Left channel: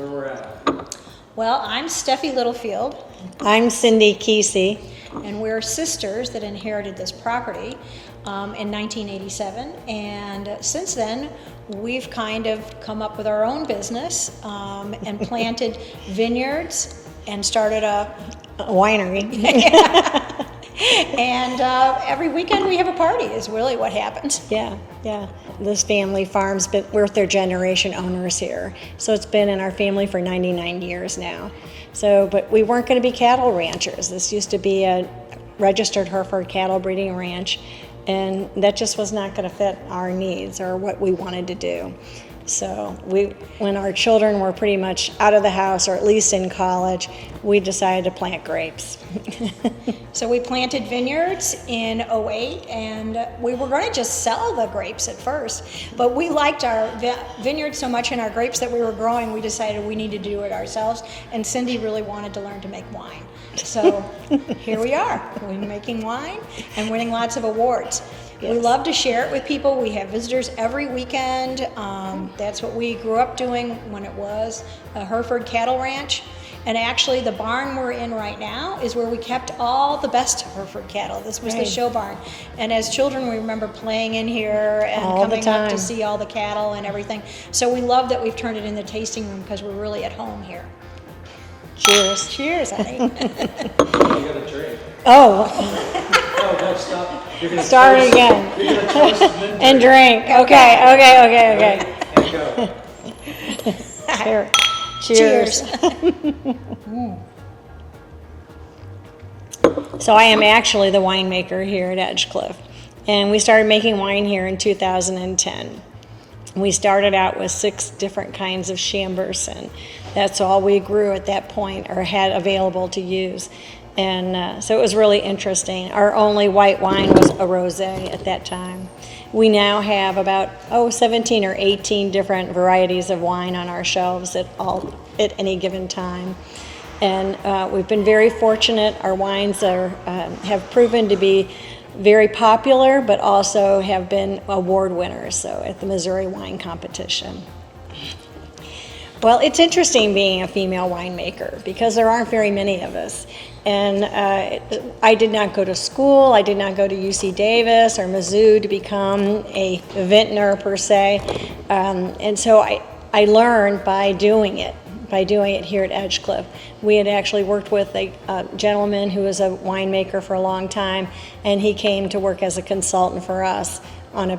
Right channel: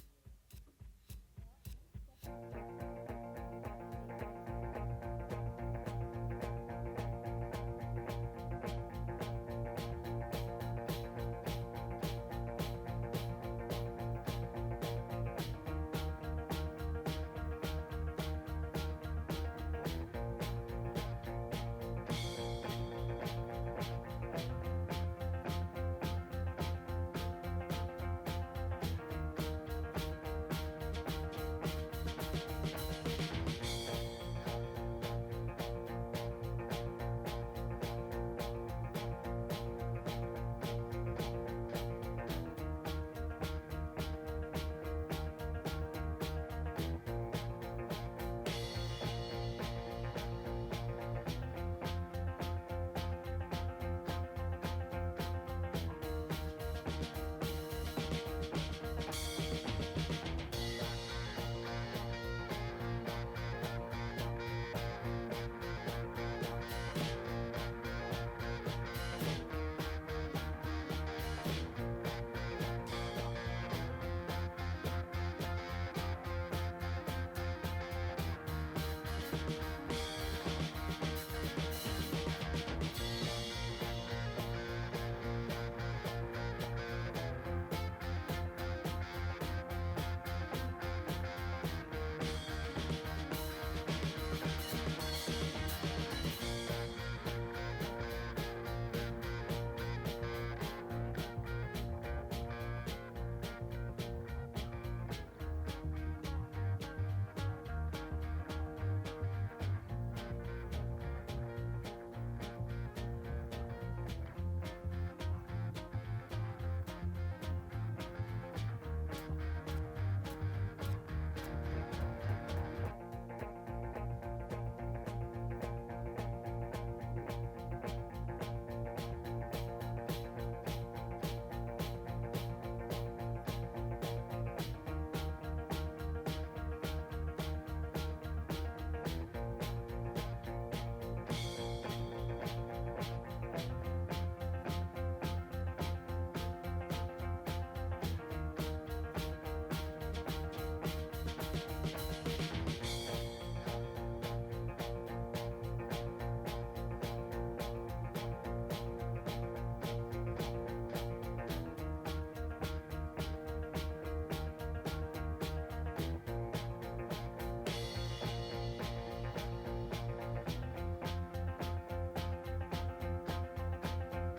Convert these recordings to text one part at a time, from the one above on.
where we're at. Well, I'm Steffi Littlefield, I'm Cyndy Kesey. and we're sisters that inherited this property in 1987. And since then, we've kind of come up with our own business and planted vineyards and started a Winery. and every weekend we have a party is really what happens. Yeah. This family farm's been, we're third generation owners here. So it's been in our family for 99 years now. So, but we weren't going to be cattle ranchers. This used to be a registered Hereford cattle breeding ranch, and that just was not going to fit our needs or what we wanted to do. So when our children were pretty much out of the house, or at least in college, we decided to plant grapes. So we planted vineyards in '08, and we were going to just sell the grapes at first, but we liked our vineyard so much and our grapes that we were growing, we decided we needed to do it ourselves, and Cyndy really wanted to learn to make wine. So here we are, we're making wine and winning lots of awards. Yes. We love to share it with people. We have visitors every weekend. That's what we grew up doing when it was a Hereford cattle ranch. And actually the barn we're in right now is where we kept all the best Hereford cattle. This was the show barn. And as children, we remember playing in here and all coming the up time to see all the cattle and everything. So we love that we've turned it into the tasting room because we're really at home here. Cheers. Cheers, honey. You gotta drink. Oh, Oh, no, stop. You're gonna start toast- again. You're gonna toast and then And drink. Okay. and go. Here. Cheers. So I am actually the winemaker here at Edg-Clif, and we started making wine here in 2010. We started out with 6 different kinds of Chambourcin. That's all we grew at that point or had available to use. And so it was really interesting. Our only white wine was a rosé at that time. We now have about 17 or 18 different varieties of wine on our shelves at any given time. And we've been very fortunate. Our wines have proven to be very popular, but also have been award winners, so at the Missouri Wine Competition. Well, it's interesting being a female winemaker because there aren't very many of us. And I did not go to school. I did not go to UC Davis or Mizzou to become a vintner per se. And so I learned by doing it here at Edg-Clif. We had actually worked with a gentleman who was a winemaker for a long time, and he came to work as a consultant for us on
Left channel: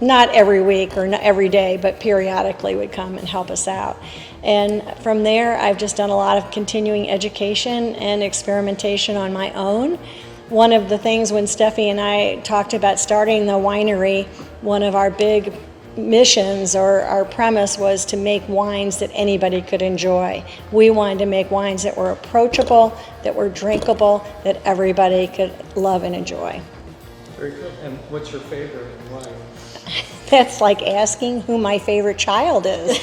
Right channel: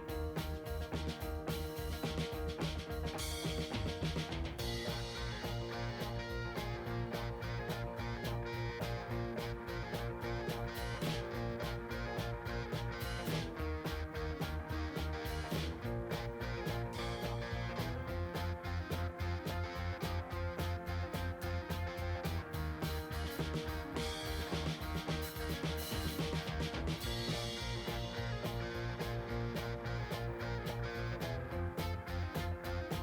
not every week or not every day, but periodically would come and help us out. And from there, I've just done a lot of continuing education and experimentation on my own. One of the things when Steffi and I talked about starting the winery, one of our big missions or our premise was to make wines that anybody could enjoy. We wanted to make wines that were approachable, that were drinkable, that everybody could love and enjoy. Very good. And what's your favorite wine? That's like asking who my favorite child is.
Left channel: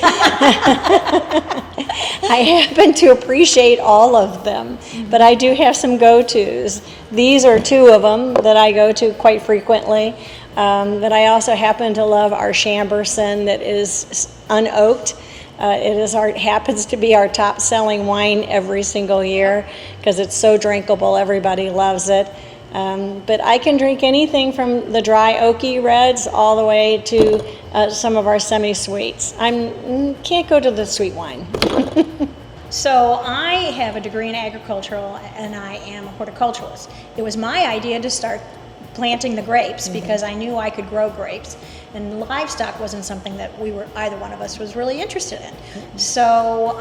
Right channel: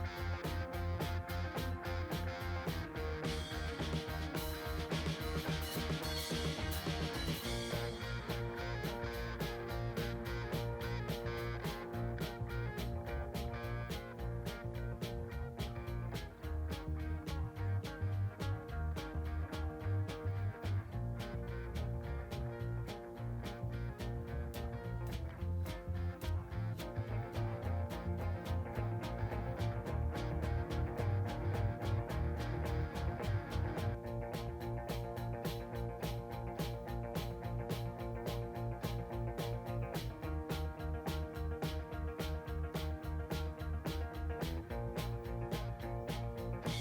I happen to appreciate all of them, but I do have some go-tos. These are 2 of them that I go to quite frequently. But I also happen to love our Chambourcin that is unoaked. It happens to be our top-selling wine every single year because it's so drinkable. Everybody loves it. But I can drink anything from the dry oaky reds all the way to some of our semi-sweets. Can't go to the sweet wine. So I have a degree in agricultural and I am a horticulturalist. It was my idea to start planting the grapes because I knew I could grow grapes, and livestock wasn't something that either one of us was really interested in. So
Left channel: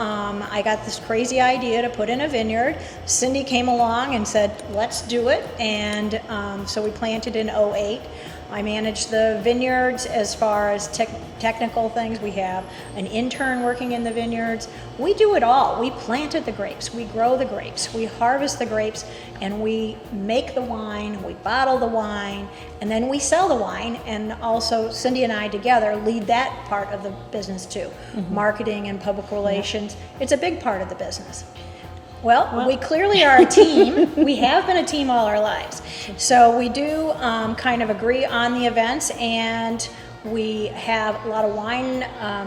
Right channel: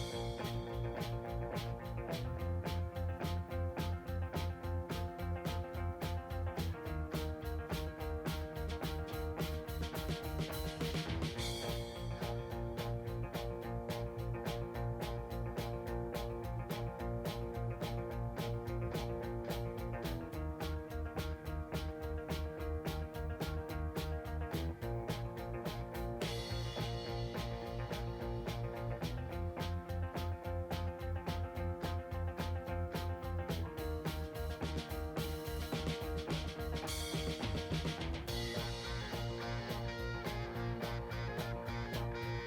I got this crazy idea to put in a vineyard. Cyndy came along and said, let's do it, and so we planted in '08. I manage the vineyards as far as technical things. We have an intern working in the vineyards. We do it all. We planted the grapes, we grow the grapes, we harvest the grapes, and we make the wine, we bottle the wine, and then we sell the wine. And also Cyndy and I together lead that part of the business too. Marketing and public relations. It's a big part of the business. Well, we clearly are a team. We have been a team all our lives. So we do kind of agree on the events, and We have a lot of wine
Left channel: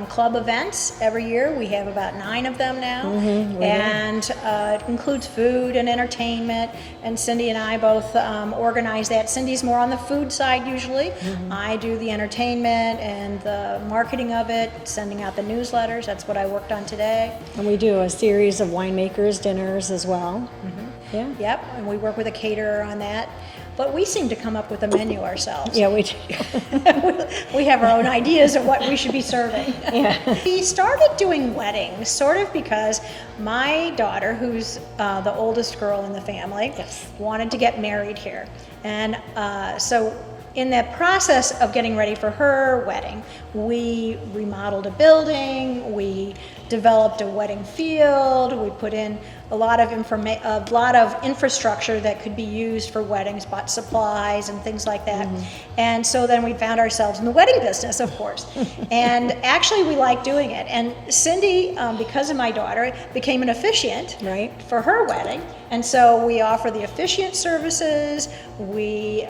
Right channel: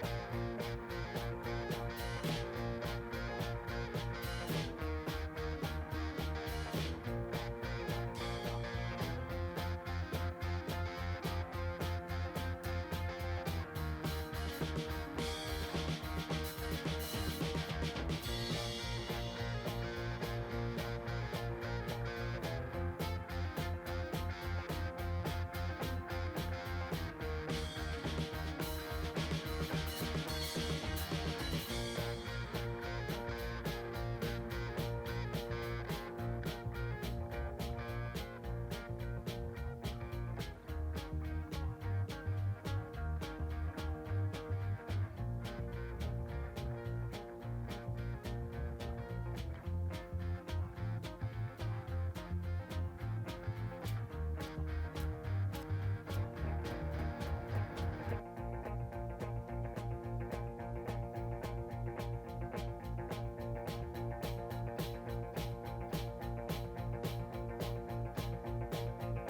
club events every year. We have about 9 of them now, and it includes food and entertainment. And Cyndy and I both organize that. Cyndy's more on the food side usually. I do the entertainment and the marketing of it, sending out the newsletters. That's what I worked on today. And we do a series of winemakers dinners as well. Yeah. Yep, and we work with a caterer on that. But we seem to come up with a menu ourselves. Yeah, we do. We have our own ideas of what we should be serving. Yeah. We started doing weddings sort of because my daughter, who's the oldest girl in the family, wanted to get married here. And so in that process of getting ready for her wedding, we remodeled a building, we developed a wedding field, we put in a lot of infrastructure that could be used for weddings, bought supplies and things like that. And so then we found ourselves in the wedding business, of course. And actually we like doing it. And Cyndy, because of my daughter, became an officiant for her wedding. And so we offer the officiant services. We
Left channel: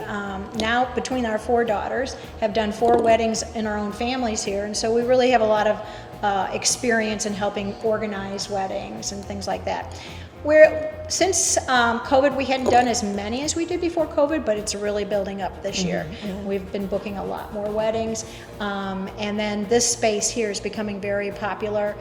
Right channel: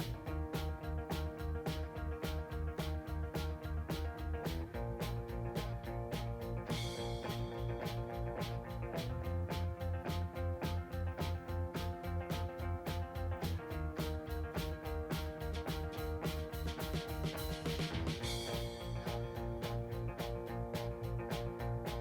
now, between our 4 daughters, have done 4 weddings in our own families here. And so we really have a lot of experience in helping organize weddings and things like that. Since COVID, we hadn't done as many as we did before COVID, but it's really building up this year. We've been booking a lot more weddings, and then this space here is becoming very popular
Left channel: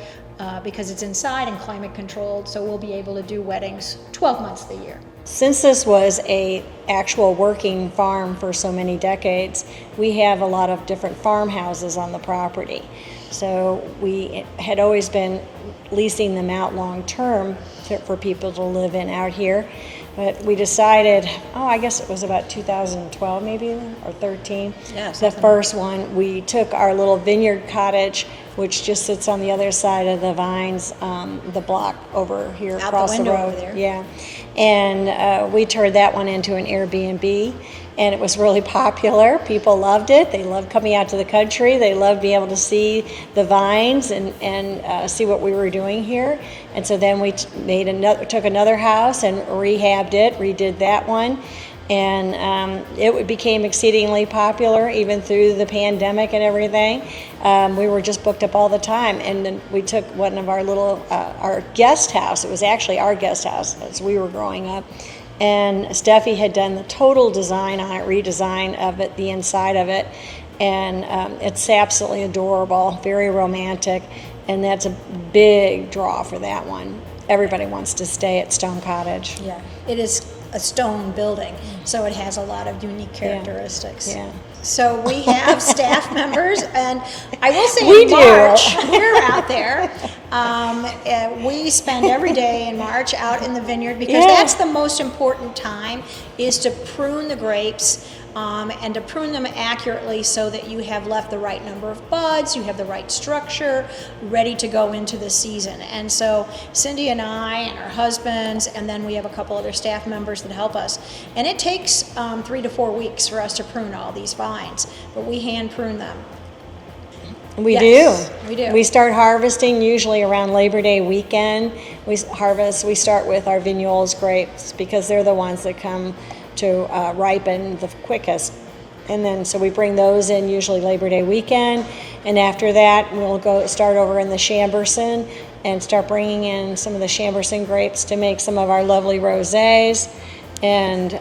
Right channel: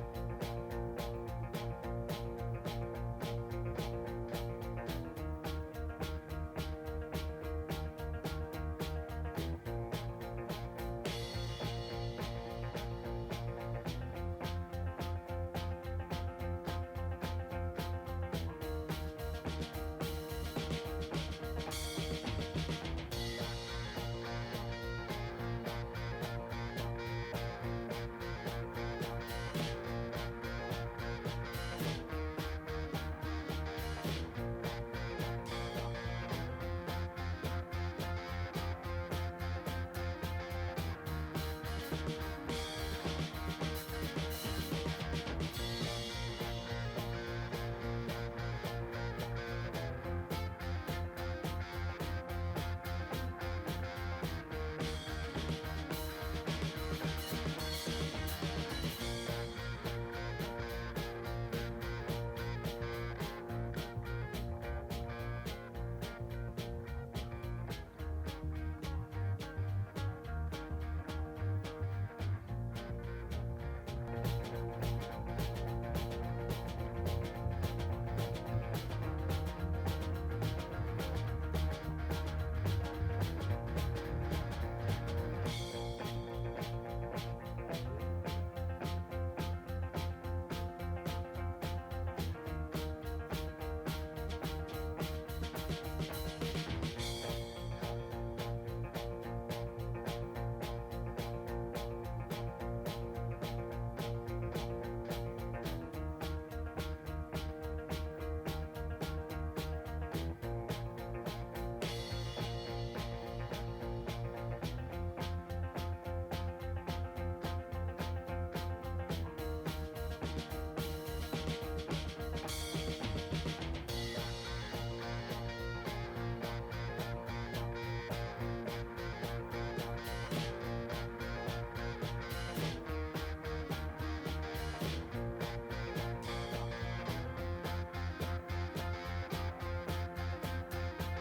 because it's inside and climate controlled, so we'll be able to do weddings 12 months of the year. Since this was a actual working farm for so many decades, we have a lot of different farmhouses on the property. So we had always been leasing them out long term for people to live in out here. But we decided, I guess it was about 2012 maybe, or 13. The first one, we took our little vineyard cottage, which just sits on the other side of the vines, the block over here Out across the the window road. over there. Yeah, and we turned that one into an Airbnb. And it was really popular. People loved it. They loved coming out to the country. They loved being able to see the vines and see what we were doing here. And so then we took another house and rehabbed it, redid that one. And it became exceedingly popular even through the pandemic and everything. We were just booked up all the time. And then we took one of our little, our guest house. It was actually our guest house as we were growing up. And Steffie had done the total design on it, redesign of it, the inside of it, and it's absolutely adorable, very romantic, and that's a big draw for that one. Everybody wants to stay at Stone Cottage. Yeah, it is a stone building, so it has a lot of unique characteristics. Yeah. So we have staff members, and I will say We in do. March, we're out there. We spend every day in March out in the vineyard because that's the most important time, is to prune the grapes and to prune them accurately so that you have left the right number of buds, you have the right structure, ready to go into the season. And so Cyndy and I and our husbands, and then we have a couple other staff members that help us. And it takes 3 to 4 weeks for us to prune all these vines, but we hand prune them. We Yes, do. we do. We start harvesting usually around Labor Day weekend. We start with our Vignoles grapes because they're the ones that come to ripen the quickest. And then so we bring those in usually Labor Day weekend. And after that, we'll start over in the Chamberson and start bringing in some of the Chamberson grapes to make some of our lovely rosés. And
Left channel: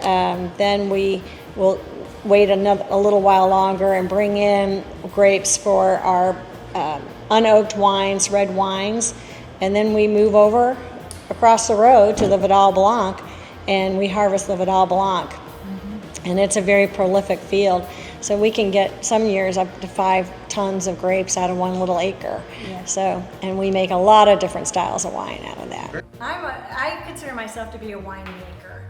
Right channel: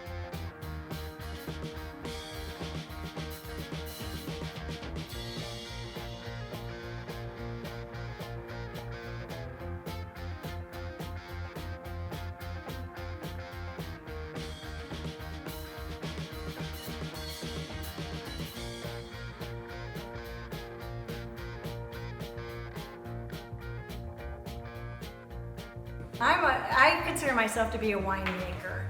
then we will wait a little while longer and bring in grapes for our unoaked wines, red wines, and then we move over across the road to the Vidal Blanc and we harvest the Vidal Blanc. And it's a very prolific field, so we can get some years up to 5 tons of grapes out of one little acre. So, and we make a lot of different styles of wine out of that. I consider myself to be a winemaker.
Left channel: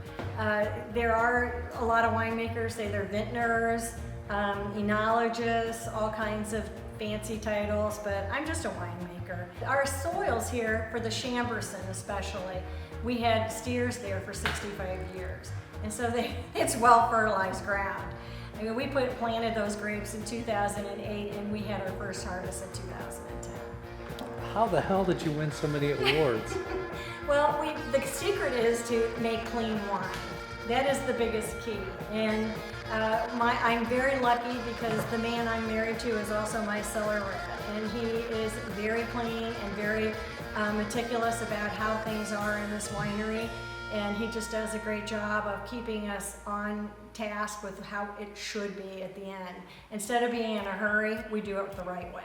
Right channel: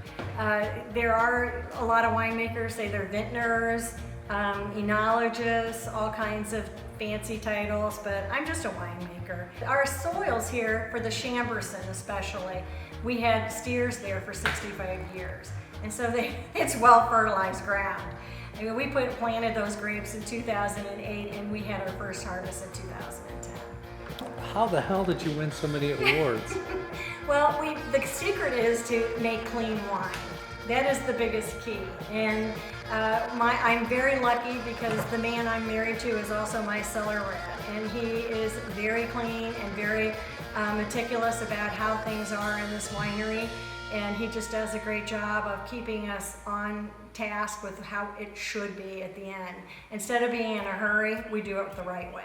There are a lot of winemakers, say they're vintners, enologists, all kinds of fancy titles, but I'm just a winemaker. Our soils here, for the Chamberson especially, we had steers there for 65 years. And so it's well fertilized ground. I mean, we planted those grapes in 2008 and we had our first harvest in 2010. How the hell did you win so many awards? Well, the secret is to make clean wine. That is the biggest key. And I'm very lucky because the man I'm married to is also my cellar rat. And he is very clean and very meticulous about how things are in this winery. And he just does a great job of keeping us on task with how it should be at the end. Instead of being in a hurry, we do it the right way.